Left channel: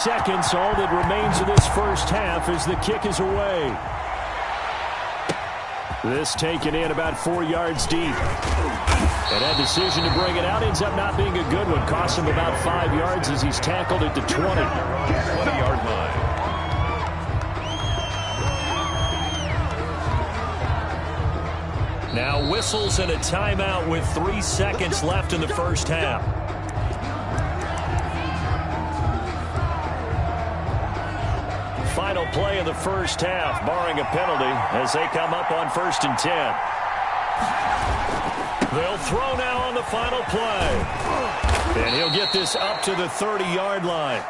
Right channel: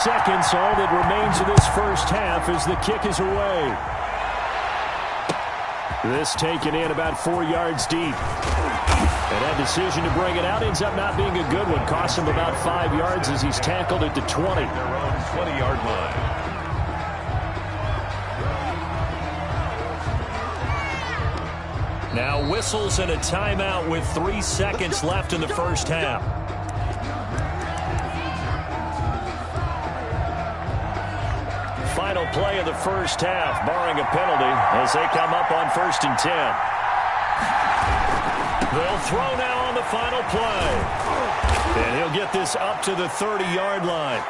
Seconds, all that remains of this first half as the kick is away. This taken in about 4 yards deep. And that decision to bring it out ends up not being a good one. Costs him about 5 yards as he's tackled at the 20. Their own 20-yard line. Now whistles and a timeout with 3 seconds left in the first half. Final play of the first half, barring a penalty, as they come up on 1st and 10. They'll throw now on the final play. And he'll get this up to the 30-yard line.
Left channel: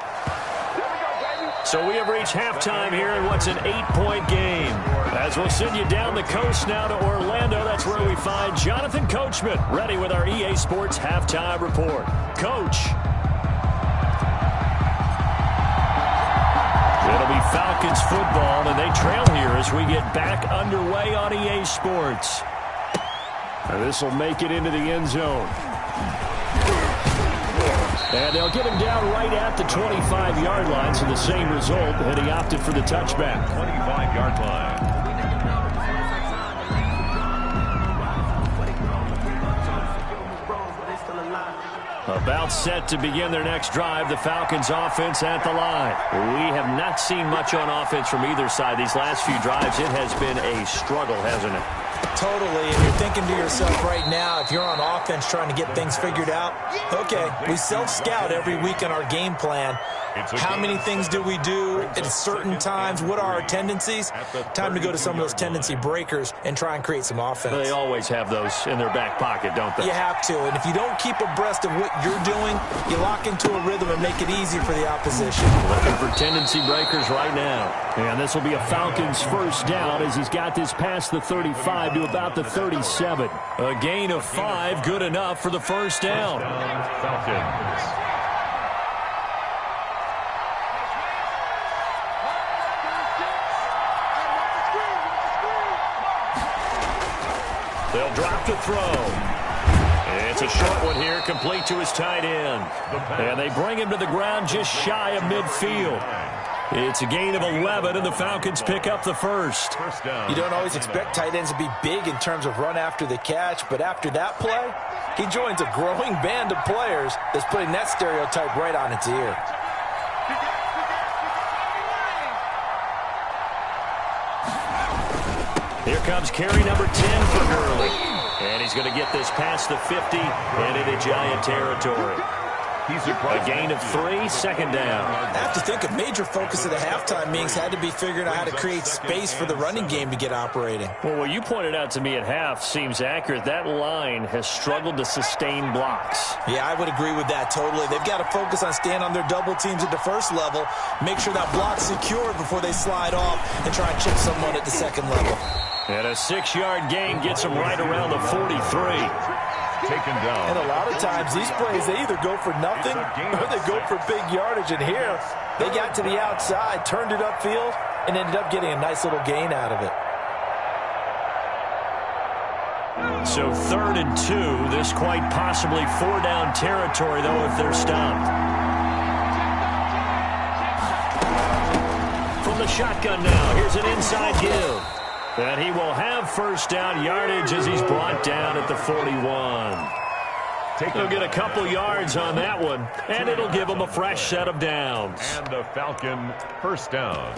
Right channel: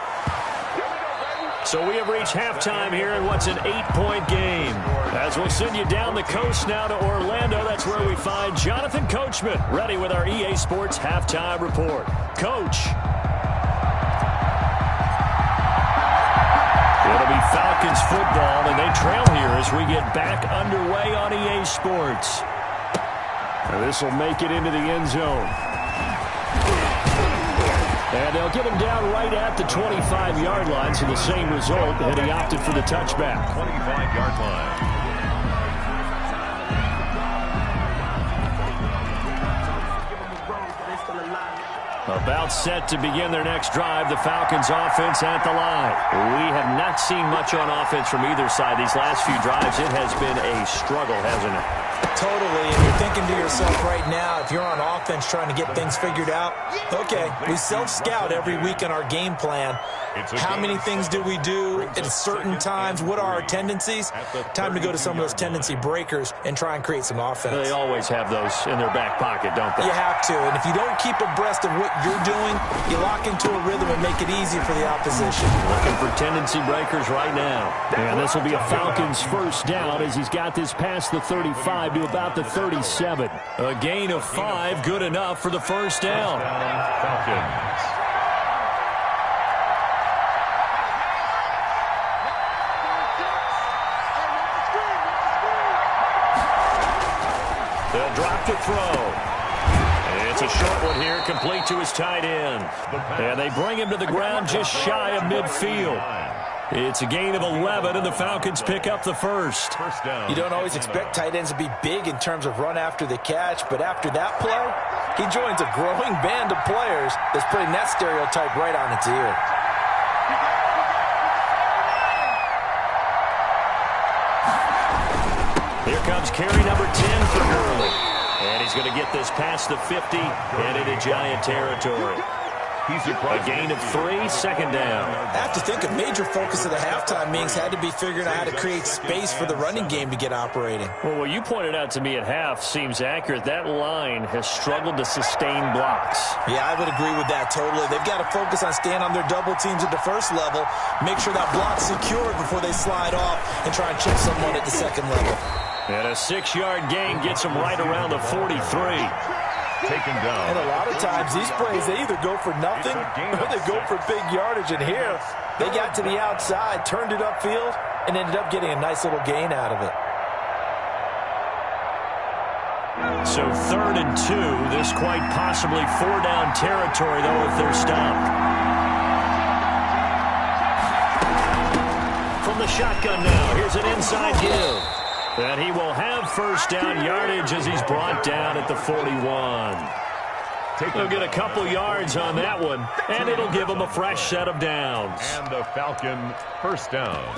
So we have reached halftime here in what's an 8-point game. As we'll send you down the coast now to Orlando, that's where we find Jonathan Coachman, ready with our EA Sports Halftime Report. Coach. It'll be Falcons football, and they trail here as we get back underway on EA Sports. This will make it into the end zone. And they'll get him down right at the 25-yard line, so the same result, and he opted for the touchback. 25-yard line. About set to begin their next drive, the Falcons offense at the line. We have not seen much on offense from either side these last few drives. It has been a struggle, hasn't it? Totally, and you're thinking to yourself right now, if you're on offense trying to get things figured out, okay, we self-scout every week in our game plan. How many things do we do at certain times? What are our tendencies? Time to go to some of those tendency breakers and try and create some offense. They always have those in their back pocket, don't they? You have to, and if you don't keep abreast of what you're doing, you lock into a rhythm and make it easy for the opposition. Looking for tendency breakers right now. And this will be a Falcons first down as he's got this past the 35 to about the 37. A gain of 5, good enough for the first down. Falcons. They'll drop to throw. It's a short one here, complete to his tight end. And they bring him to the ground just shy of midfield. It's a gain of 11, and the Falcons pick up the first. You don't always expect tight ends to be big in terms of run after the catch, but after that play, he joins a growing band of players that's putting that stereotype right on its ear. Here comes carry number 10 for Gurley. And he's going to get this past the 50 and into Giant territory. A gain of 3, second down. I have to think a major focus of the halftime meetings had to be figuring out how to create space for the running game to get operating. Well, what you pointed out to me at half seems accurate. That line has struggled to sustain blocks. Yeah, I would agree with that totally. They've got to focus on staying on their double teams at the first level, make sure that block's secure before they slide off and try and chip someone at the second level. And a 6-yard gain gets them right around the 43. Taken down. And a lot of times these plays, they either go for nothing or they go for big yardage. And here, they got to the outside, turned it upfield, and ended up getting a nice little gain out of it. So 3rd and 2. This quite possibly 4-down territory, though, if they're stopped. From the shotgun now, here's an inside give. And he will have first down yardage as he's brought down at the 41. He'll get a couple yards on that one, and it'll give him a fresh set of downs. And the Falcon first down.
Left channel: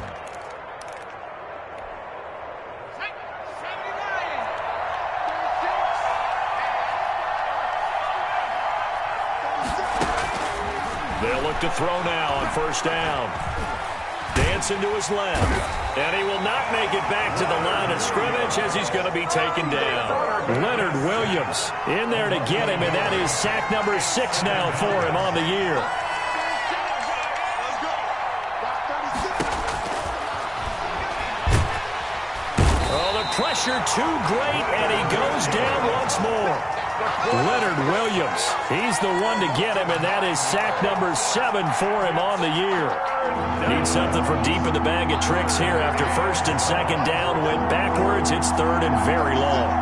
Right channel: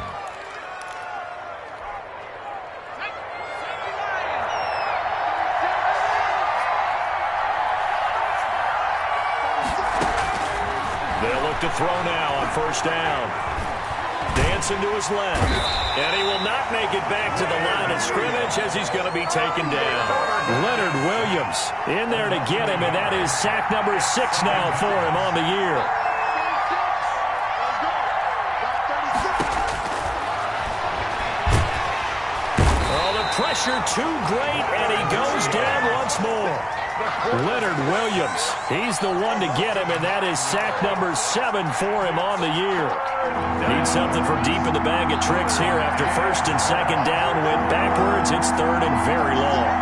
They'll look to throw now on first down. Dancing to his left. And he will not make it back to the line of scrimmage as he's going to be taken down. Leonard Williams in there to get him, and that is sack number 6 now for him on the year. Oh, the pressure too great, and he goes down once more. Leonard Williams, he's the one to get him, and that is sack number 7 for him on the year. Need something from deep in the bag of tricks here after first and second down. Went backwards. It's 3rd and very long.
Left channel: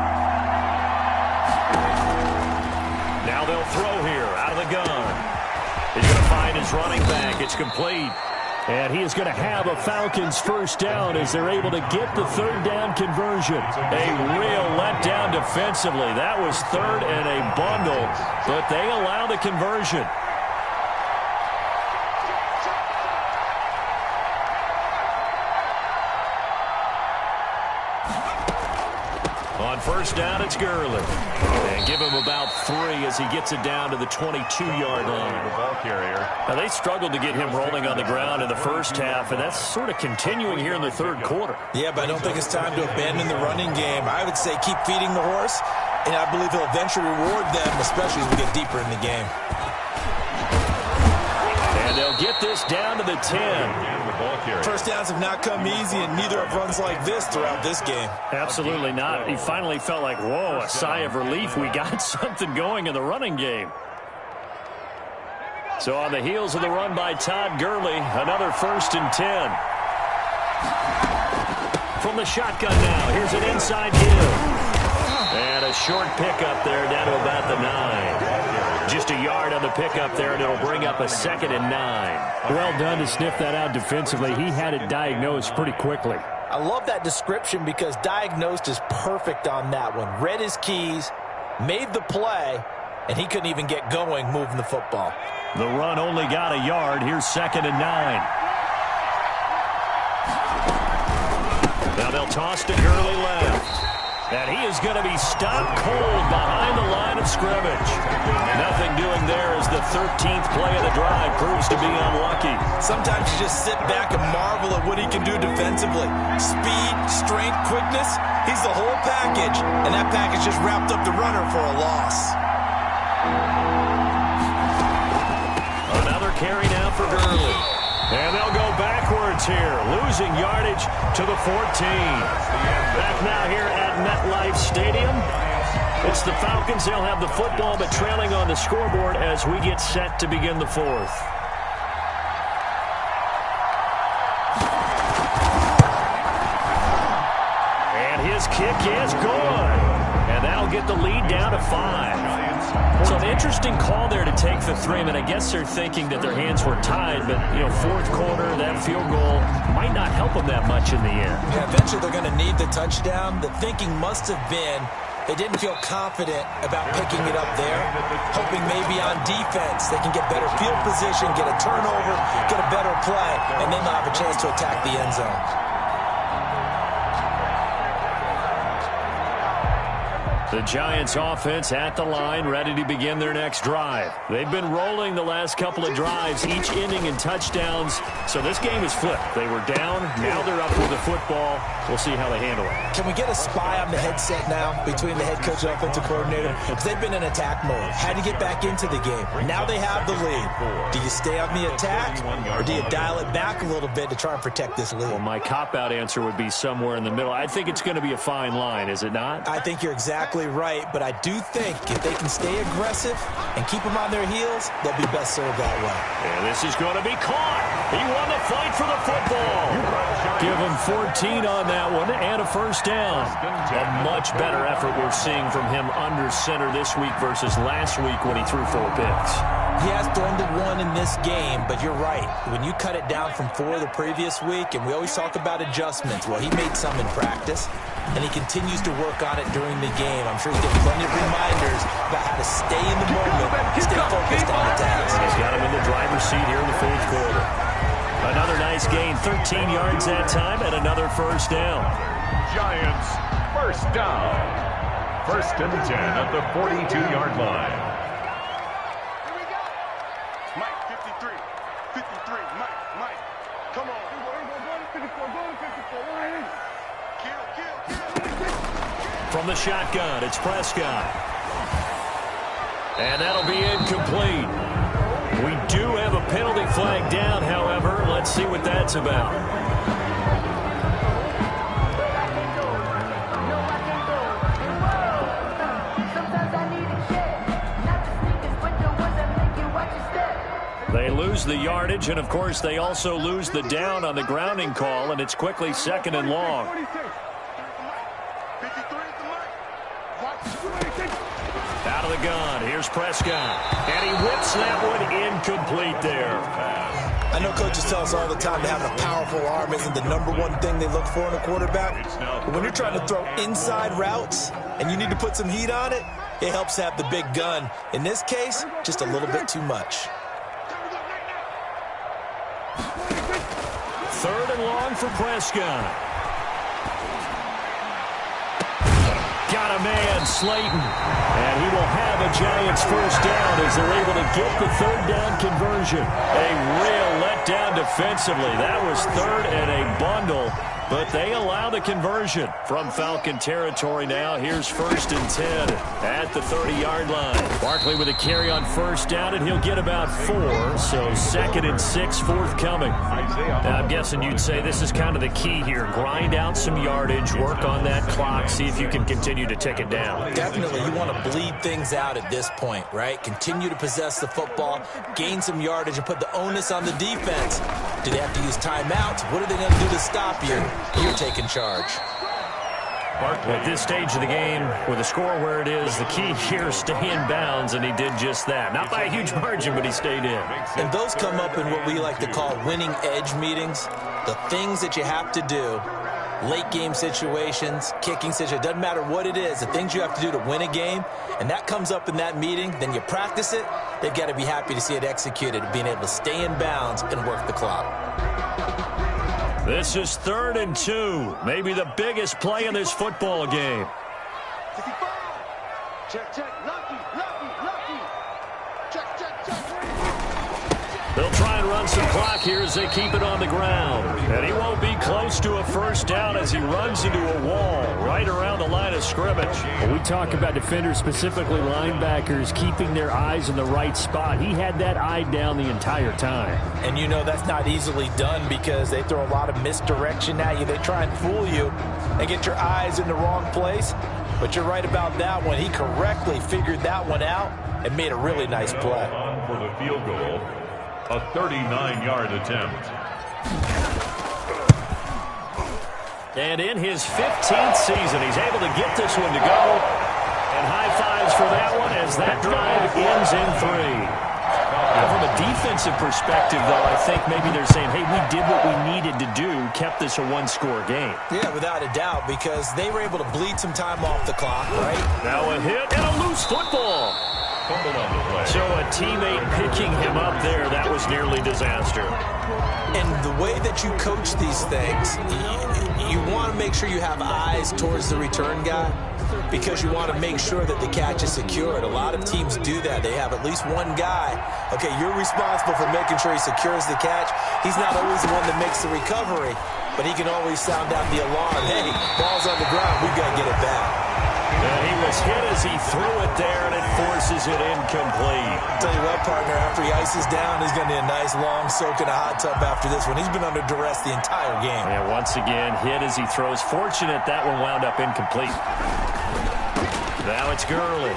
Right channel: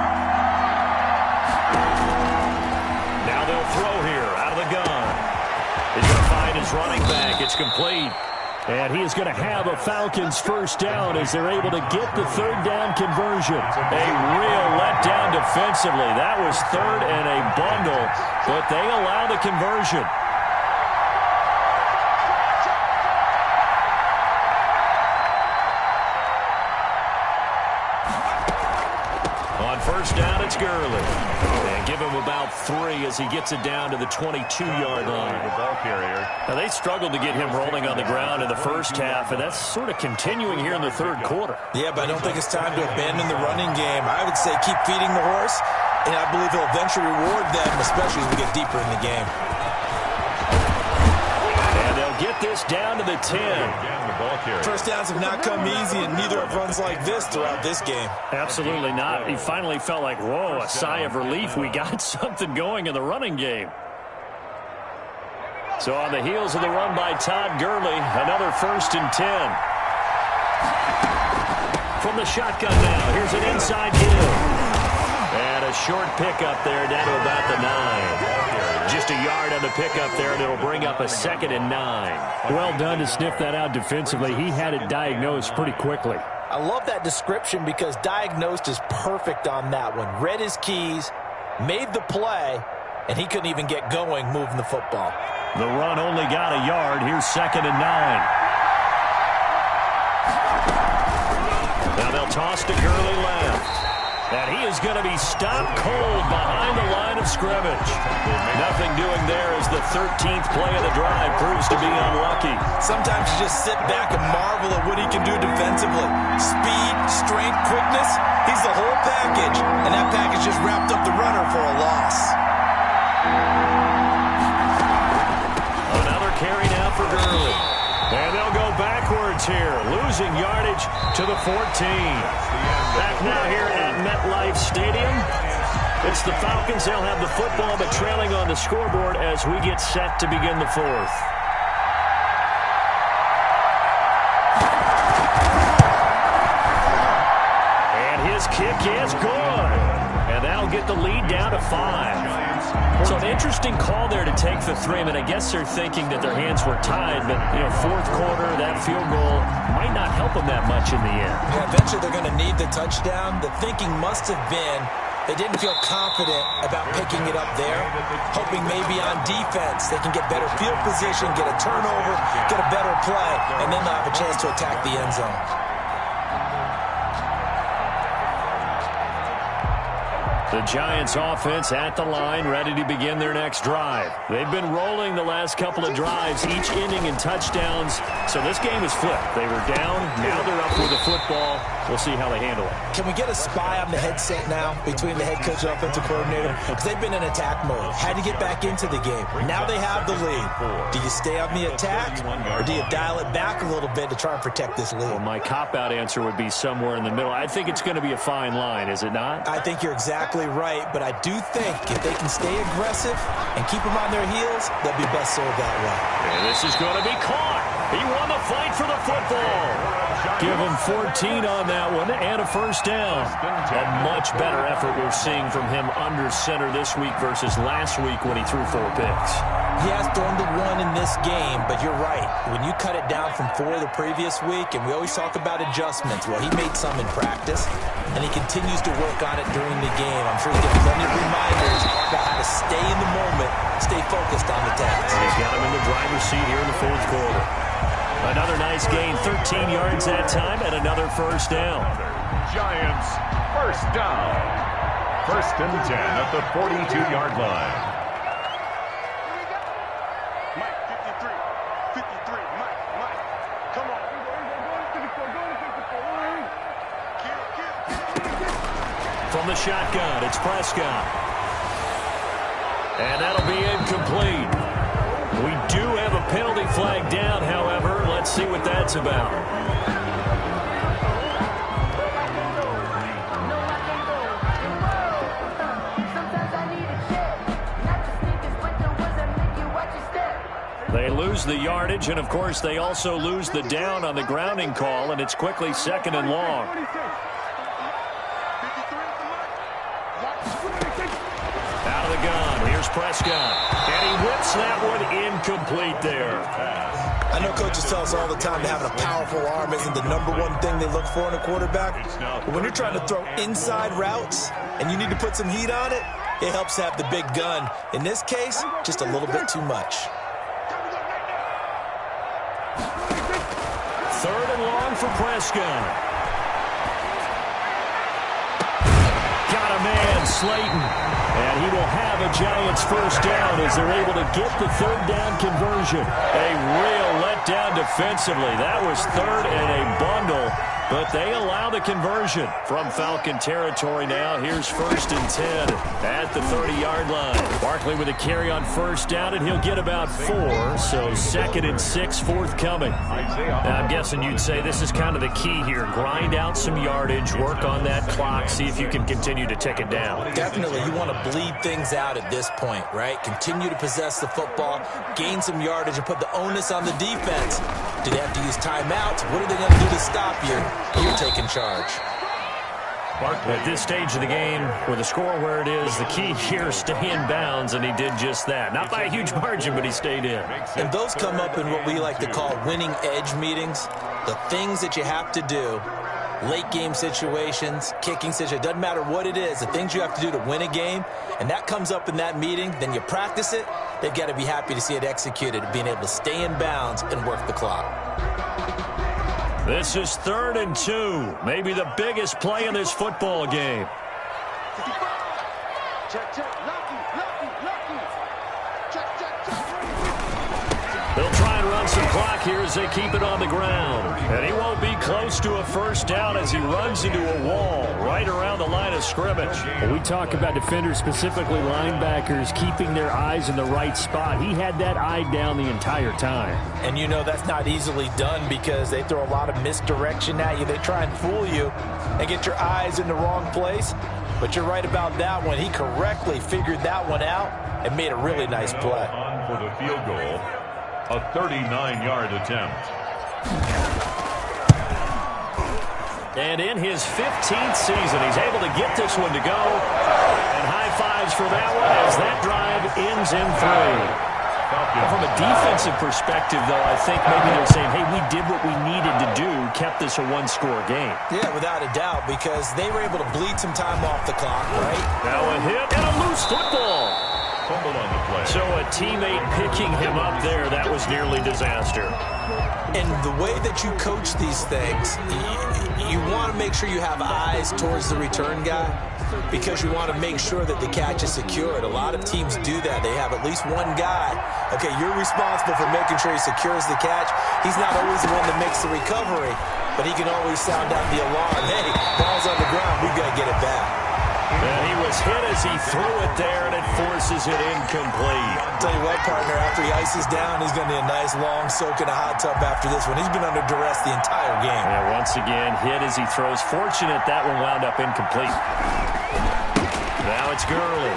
Now they'll throw here out of the gun. He's going to find his running back. It's complete. And he is going to have a Falcons first down as they're able to get the third down conversion. A real letdown defensively. That was third and a bundle, but they allow the conversion. On first down, it's Gurley. And give him about 3 as he gets it down to the 22-yard line. The ball carrier. Now, they struggled to get him rolling on the ground in the first half, and that's sort of continuing here in the third quarter. Yeah, but I don't think it's time to abandon the running game. I would say keep feeding the horse, and I believe he'll eventually reward them, especially as we get deeper in the game. And they'll get this down to the 10. First downs have not come easy, and neither have runs like this throughout this game. Absolutely not. He finally felt like, whoa, a sigh of relief. We got something going in the running game. So on the heels of the run by Todd Gurley, another 1st and 10. From the shotgun now, here's an inside give. And a short pickup there down to about the 9. Just a yard on the pickup there, and it'll bring up a 2nd and 9. Well done to sniff that out defensively. He had it diagnosed pretty quickly. I love that description because diagnosed is perfect on that one. Read his keys, made the play, and he couldn't even get going moving the football. The run only got a yard. Here's 2nd and 9. Now they'll toss to Gurley left. And he is going to be stopped cold behind the line of scrimmage. Nothing doing there as the 13th play of the drive proves to be unlucky. Sometimes you just sit back and marvel at what he can do defensively. Speed, strength, quickness, he's the whole package. And that package just wrapped up the runner for a loss. Another carry now for Gurley. And they'll go backwards here, losing yardage to the 14. Back now here at MetLife Stadium. It's the Falcons. They'll have the football, but trailing on the scoreboard as we get set to begin the 4th. And his kick is good. And that'll get the lead down to 5. So an interesting call there to take the 3. I mean, I guess they're thinking that their hands were tied, but, you know, 4th quarter, that field goal might not help them that much in the end. Yeah, eventually they're going to need the touchdown. The thinking must have been they didn't feel confident about picking it up there, hoping maybe on defense they can get better field position, get a turnover, get a better play, and then they'll have a chance to attack the end zone. The Giants offense at the line, ready to begin their next drive. They've been rolling the last couple of drives, each ending in touchdowns. So this game is flipped. They were down, now they're up with the football. We'll see how they handle it. Can we get a spy on the headset now between the head coach and offensive coordinator? Because they've been in attack mode. Had to get back into the game. Now they have the lead. Do you stay on the attack, or do you dial it back a little bit to try and protect this lead? Well, my cop-out answer would be somewhere in the middle. I think it's going to be a fine line, is it not? I think you're exactly right, but I do think if they can stay aggressive and keep them on their heels, they'll be best served that way. And this is going to be caught. He won the fight for the football. Give him 14 on that one and a first down. A much better effort we're seeing from him under center this week versus last week when he threw 4 picks. He has thrown the 1 in this game, but you're right. When you cut it down from 4 the previous week, and we always talk about adjustments, well, he made some in practice, and he continues to work on it during the game. I'm sure he's getting plenty of reminders about how to stay in the moment, stay focused on the task. He's got him in the driver's seat here in the 4th quarter. Another nice gain, 13 yards that time, and another first down. Giants, first down. 1st and 10 at the 42-yard line. Mike, 53, 53, Mike, come on. Go to 54, go to 54, kill. From the shotgun, it's Prescott. And that'll be incomplete. We do have a penalty flag down, however. Let's see what that's about. They lose the yardage, and, of course, they also lose the down on the grounding call, and it's quickly 2nd and long. Out of of the gun. Here's Prescott. And he whips that one incomplete there. I know coaches tell us all the time that having a powerful arm isn't the #1 thing they look for in a quarterback. But when you're trying to throw inside routes and you need to put some heat on it, it helps to have the big gun. In this case, just a little bit too much. 3rd and long for Prescott. Got a man, Slayton. And he will have a Giants first down as they're able to get the 3rd down conversion. A real letdown defensively. That was 3rd and a bundle, but they allow the conversion from Falcon territory now. Here's 1st and 10 at the 30-yard line. Barkley with a carry on 1st down, and he'll get about 4, so 2nd and 6 forthcoming. Now, I'm guessing you'd say this is kind of the key here. Grind out some yardage, work on that clock, see if you can continue to tick it down. Definitely, you want to bleed things out at this point, right? Continue to possess the football, gain some yardage, and put the onus on the defense. Do they have to use timeouts? What are they going to do to stop you? You're taking charge. At this stage of the game, with the score where it is, the key here is stay in bounds, and he did just that. Not by a huge margin, but he stayed in. And those come up in what we like to call winning edge meetings. The things that you have to do, late game situations, kicking situations, doesn't matter what it is, the things you have to do to win a game, and that comes up in that meeting, then you practice it, they've got to be happy to see it executed, being able to stay in bounds and work the clock. This is 3rd and 2, maybe the biggest play in this football game. 55. Check, lucky. Check. They'll try and run some clock here as they keep it on the ground. And he won't be close to a first down as he runs into a wall right around the line of scrimmage. When we talk about defenders, specifically linebackers, keeping their eyes in the right spot, he had that eye down the entire time. And you know that's not easily done because they throw a lot of misdirection at you. They try and fool you and get your eyes in the wrong place. But you're right about that one. He correctly figured that one out and made a really nice play. On for the field goal. A 39-yard attempt. And in his 15th season, he's able to get this one to go. And high fives for that one as that drive ends in 3. Now, from a defensive perspective, though, I think maybe they're saying, hey, we did what we needed to do, kept this a one-score game. Yeah, without a doubt, because they were able to bleed some time off the clock, right? Now a hit and a loose football. Fumbled on the play. So a teammate picking him up there, that was nearly disaster. And the way that you coach these things, you want to make sure you have eyes towards the return guy because you want to make sure that the catch is secured. A lot of teams do that. They have at least one guy. Okay, you're responsible for making sure he secures the catch. He's not always the one that makes the recovery, but he can always sound out the alarm. Hey, ball's on the ground. We've got to get it back. And he was hit as he threw it there, and it forces it incomplete. I'll tell you what, partner, after he ices down, he's going to need a nice long soak in a hot tub after this one. He's been under duress the entire game. Yeah, once again, hit as he throws. Fortunate that one wound up incomplete. Now it's Gurley.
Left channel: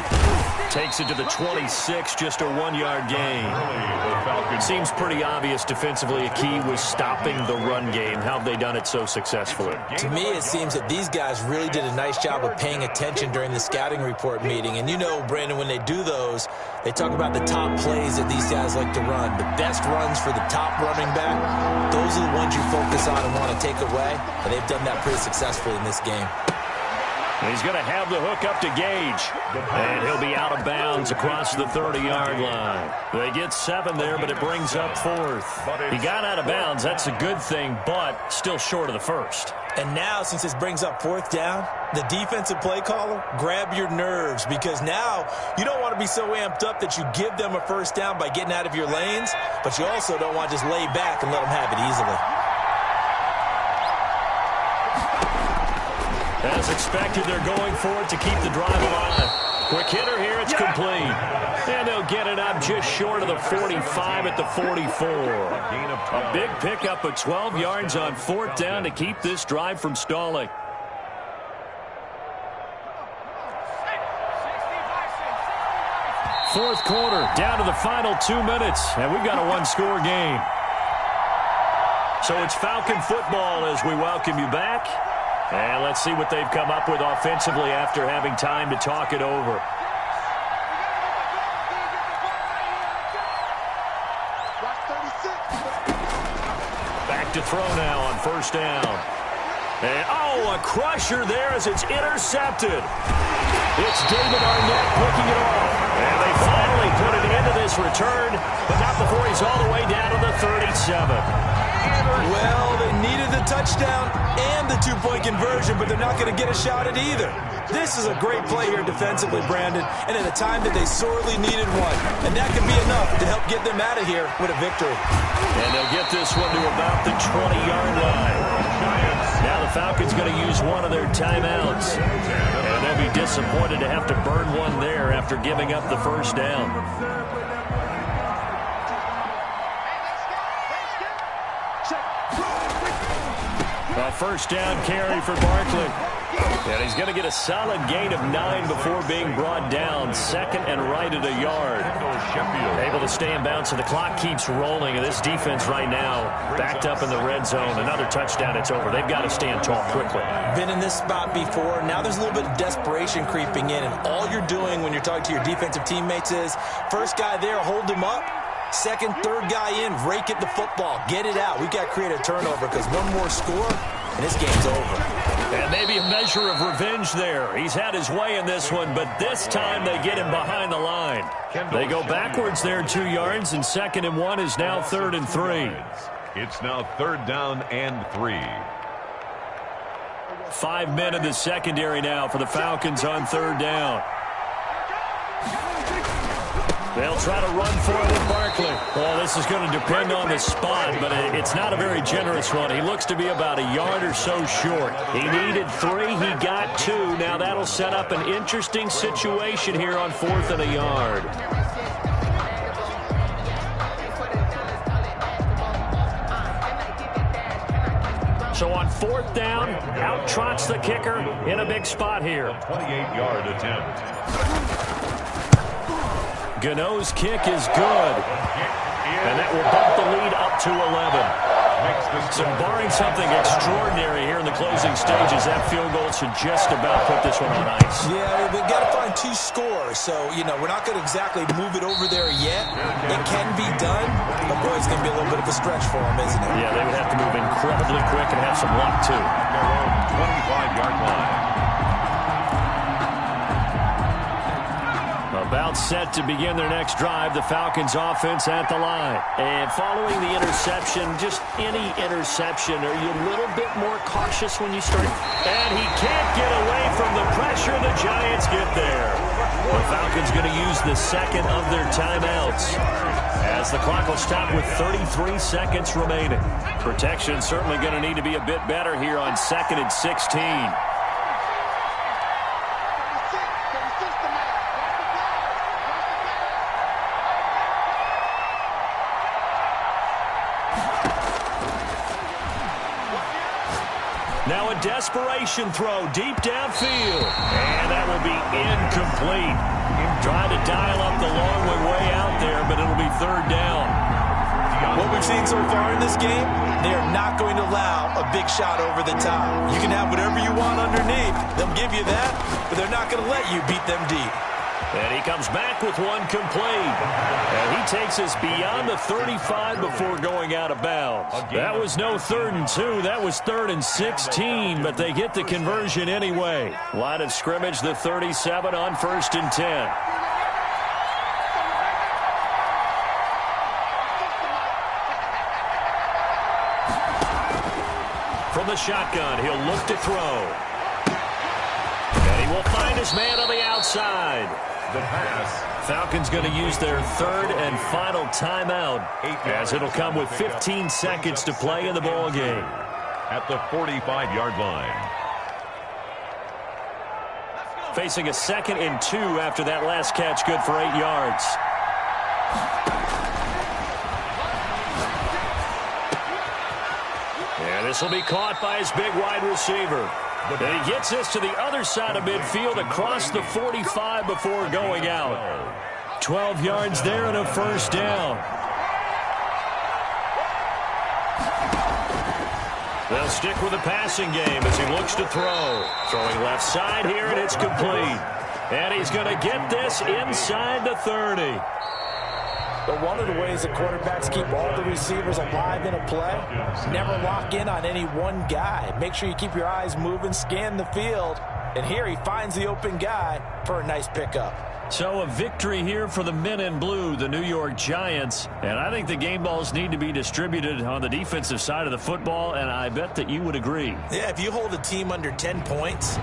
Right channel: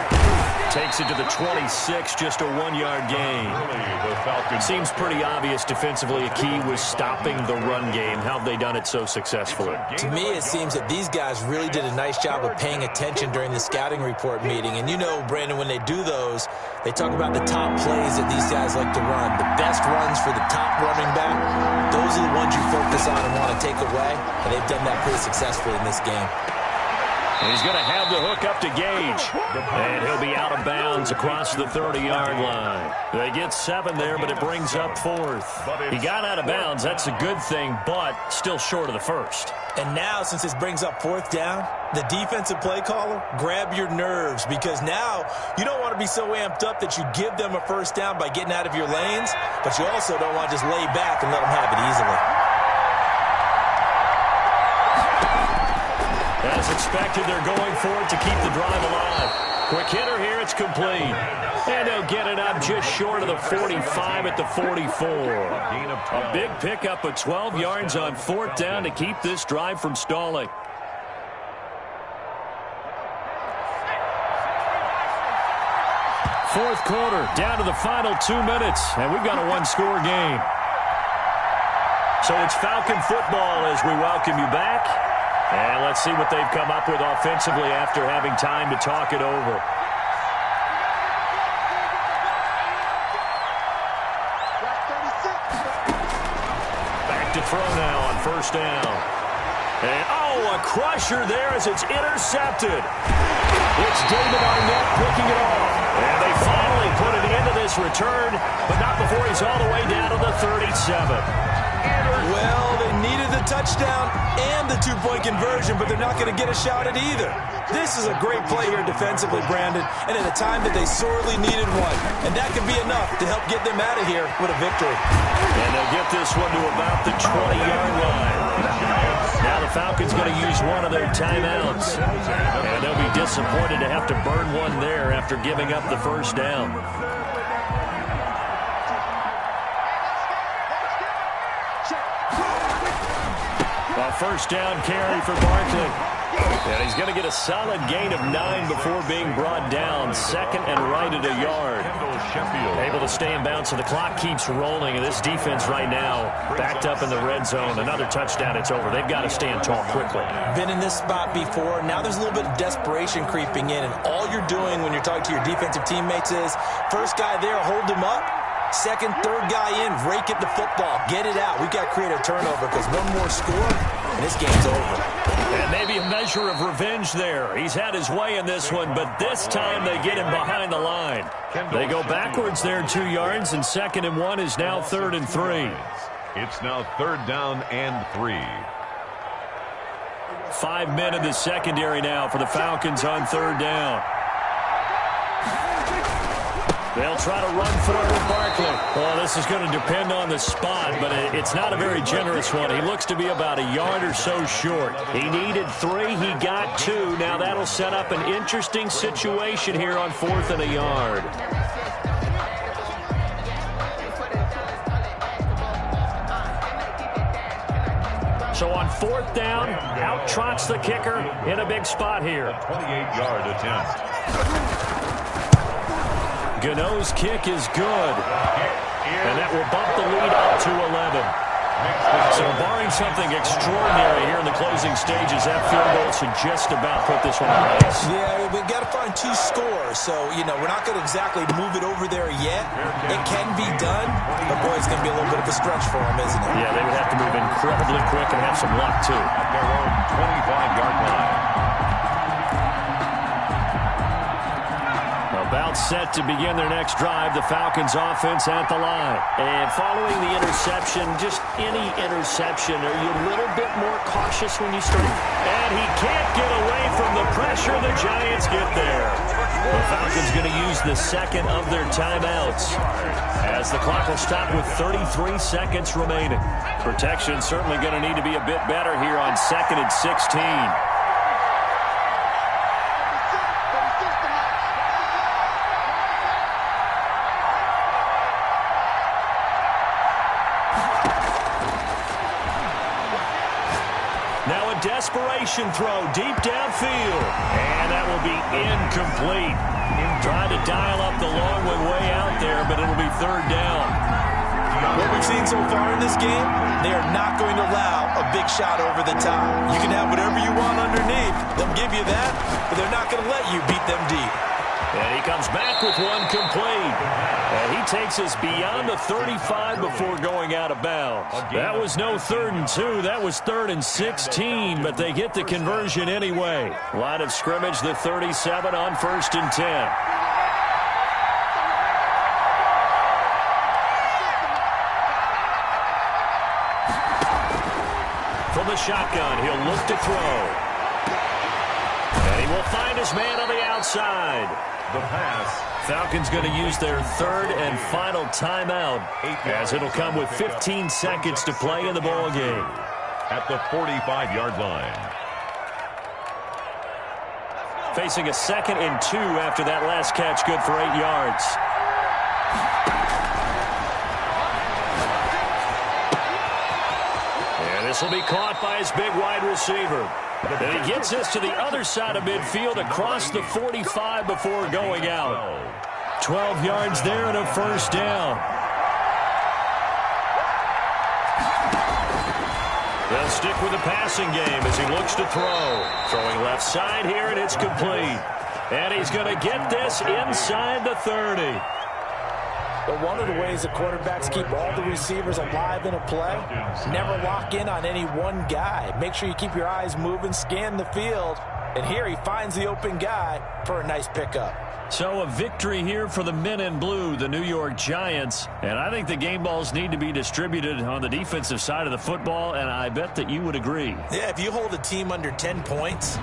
Takes it to the 26, just a 1-yard gain. Seems pretty obvious defensively. A key was stopping the run game. How have they done it so successfully? To me, it seems that these guys really did a nice job of paying attention during the scouting report meeting. And you know, Brandon, when they do those, they talk about the top plays that these guys like to run. The best runs for the top running back, those are the ones you focus on and want to take away. And they've done that pretty successfully in this game. He's going to have the hook up to Gage. And he'll be out of bounds across the 30-yard line. They get 7 there, but it brings up 4th. He got out of bounds. That's a good thing, but still short of the first. And now, since this brings up 4th down, the defensive play caller, grab your nerves because now you don't want to be so amped up that you give them a first down by getting out of your lanes, but you also don't want to just lay back and let them have it easily. As expected, they're going for it to keep the drive alive. Quick hitter here, it's complete. And they'll get it up just short of the 45 at the 44. A big pickup of 12 yards on 4th down to keep this drive from stalling. Fourth quarter, down to the final 2 minutes, and we've got a one-score game. So it's Falcon football as we welcome you back. And let's see what they've come up with offensively after having time to talk it over. to throw now on first down. And, oh, a crusher there as it's intercepted. It's David Arnett picking it off. And they finally put an end to this return, but not before he's all the way down to the 37. Well, they needed the touchdown and the two-point conversion, but they're not going to get a shot at either. This is a great play here defensively, Brandon, and at a time that they sorely needed one. And that could be enough to help get them out of here with a victory. And they'll get this one to about the 20-yard line. Now the Falcons going to use one of their timeouts. And they'll be disappointed to have to burn one there after giving up the first down. A first down carry for Barkley. And he's going to get a solid gain of 9 before being brought down. Second and right at a yard. Able to stay in bounds, so the clock keeps rolling. And this defense right now backed up in the red zone. Another touchdown, it's over. They've got to stand tall quickly. Been in this spot before. Now there's a little bit of desperation creeping in. And all you're doing when you're talking to your defensive teammates is, first guy there, hold him up. Second, third guy in, rake at the football. Get it out. We've got to create a turnover because one more score, and this game's over. And maybe a measure of revenge there. He's had his way in this one, but this time they get him behind the line. They go backwards there 2 yards, and 2nd and 1 is now 3rd and 3. It's now 3rd down and 3. 5 men in the secondary now for the Falcons on 3rd down. They'll try to run for it with Barkley. Well, this is going to depend on the spot, but it's not a very generous one. He looks to be about a yard or so short. He needed 3. He got 2. Now that'll set up an interesting situation here on 4th and a yard. So on 4th down, out trots the kicker in a big spot here. A 28-yard attempt. Gano's kick is good, and that will bump the lead up to 11. So barring something extraordinary here in the closing stages, that field goal should just about put this one on ice. Yeah, we've got to find 2 scores, so, we're not going to exactly move it over there yet. It can be done, but, boy, it's going to be a little bit of a stretch for them, isn't it? Yeah, they would have to move incredibly quick and have some luck, too. At their own 25-yard line. About set to begin their next drive, the Falcons offense at the line. And following the interception, just any interception, are you a little bit more cautious when you start? And he can't get away from the pressure. The Giants get there. The Falcons going to use the 2nd of their timeouts as the clock will stop with 33 seconds remaining. Protection certainly going to need to be a bit better here on 2nd and 16. Now a desperation throw deep downfield. And that will be incomplete. Trying to dial up the long way out there, but it'll be 3rd down. What we've seen so far in this game, they are not going to allow a big shot over the top. You can have whatever you want underneath. They'll give you that, but they're not going to let you beat them deep. And he comes back with one complete. And he takes us beyond the 35 before going out of bounds. That was no 3rd and 2. That was 3rd and 16, but they get the conversion anyway. Line of scrimmage, the 37 on 1st and 10. From the shotgun, he'll look to throw. And he will find his man on the outside. The pass. Falcons going to use their 3rd and final timeout as it'll come with 15 seconds to play in the ball game. At the 45-yard line. Facing a 2nd and 2 after that last catch, good for 8 yards. And this will be caught by his big wide receiver. And he gets this to the other side of midfield across the 45 before going out. 12 yards there and a 1st down. They'll stick with the passing game as he looks to throw. Throwing left side here, and it's complete. And he's going to get this inside the 30. But one of the ways that quarterbacks keep all the receivers alive in a play, never lock in on any one guy. Make sure you keep your eyes moving, scan the field. And here he finds the open guy for a nice pickup. So a victory here for the men in blue, the New York Giants. And I think the game balls need to be distributed on the defensive side of the football, and I bet that you would agree. Yeah, if you hold a team under 10 points,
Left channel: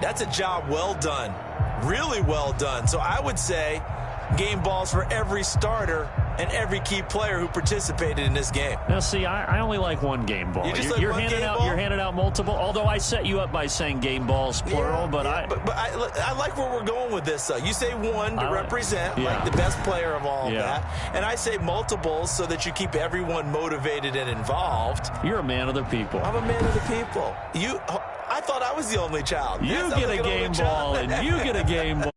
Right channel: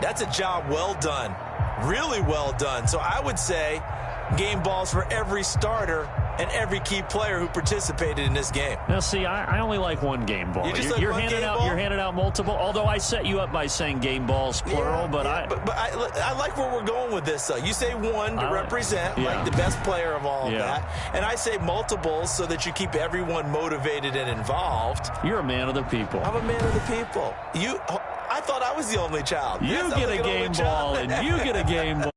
that's a job well done. Really well done. So I would say game balls for every starter and every key player who participated in this game. Now, see, I only like one game ball. You're handing out multiple, although I set you up by saying game balls, plural. But I like where we're going with this, though. You say one to represent, like the best player of all of that. And I say multiples so that you keep everyone motivated and involved. You're a man of the people. I'm a man of the people. I thought I was the only child. You get a game ball, and you get a game ball.